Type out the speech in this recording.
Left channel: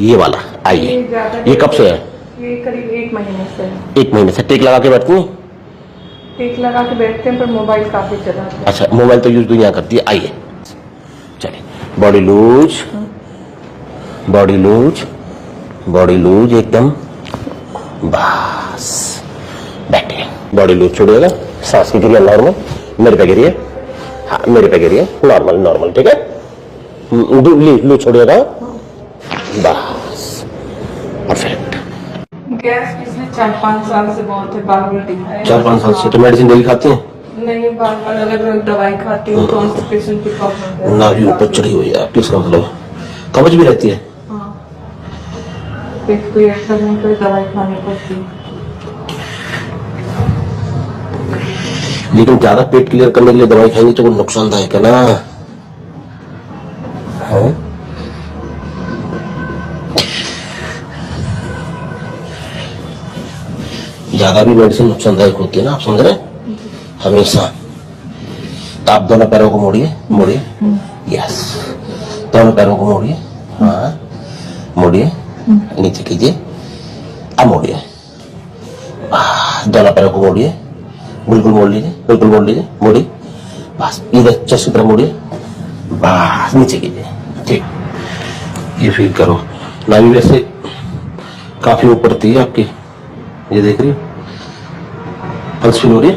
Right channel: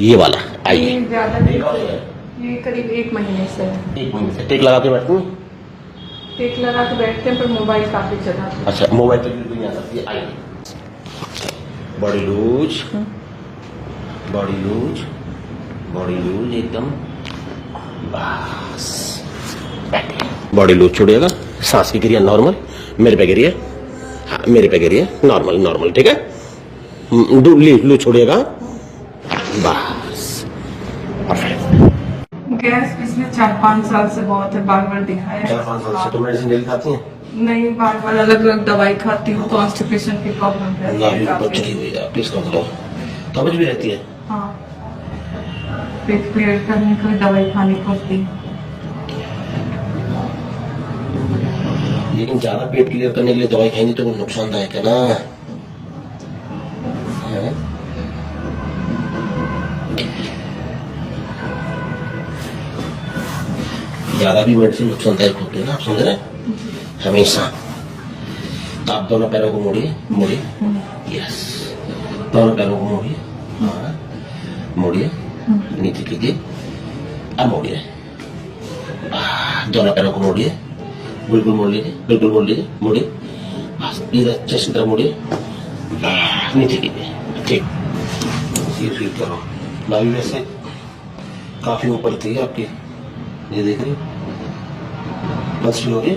ये वाला आइए। ये कब से है? ये करीब 1 महीने से है। 1 महीने से टेक लगा के बैठती हैं? टेक लगा के बैठते हैं पर मोबाइल काफी चलाते हैं। अच्छा, मोबाइल तो यूज दुनिया करती है। आइए चलिए, body loose, body loose, body loose एकदम, बस बैठे। बॉडी लूज छोड़िएगा, सांस को जुड़िए नॉर्मल, मेरे पे गिरिए, हाँ मेरे पे गिरिए, नॉर्मल नॉर्मल, ठीक है। लूज छोड़िएगा, बस परफेक्ट। गैस पिछले 4-5 साल से बहुत है, बार बार दिखाया। 4-5 साल से तो मेडिसिन डेली खाती हैं? नहीं, बार बार अलग अलग दवाई खाती हूँ। कॉन्स्टिपेशन की प्रॉब्लम है ना भी ऊपर चढ़ी हुई है आपकी, इसका मतलब कब्ज भी रहती है। हाँ, पेट क्लियर करने के लिए दवाई खानी पड़ती है। लेकिन ज्यादा पेट क्लियर करने के लिए दवाई खाएंगे तो वो नुकसानदायक है ना, है? ज्यादा भी मेडिसिन नुकसानदायक होती है ना, आप समझ रहे हैं? हमेशा। तो आप दोनों पैरों को मोड़िए, मोड़िए, यस, दोनों पैरों को मोड़िए, हाँ मोड़िए, नीचे कीजिए, अब मोड़िए, दोनों पैरों को मोड़िए, बिल्कुल मोड़ लीजिए, बिल्कुल मोड़ लीजिए, मोड़िए, बस इधर चेस्ट की तरफ मोड़िए, बस नीचे कीजिए, ठीक। ये फील करो, नाभि वैसे काफी ऊपर थी आपकी, ये देख रही हो, पल्स फील हो रही है।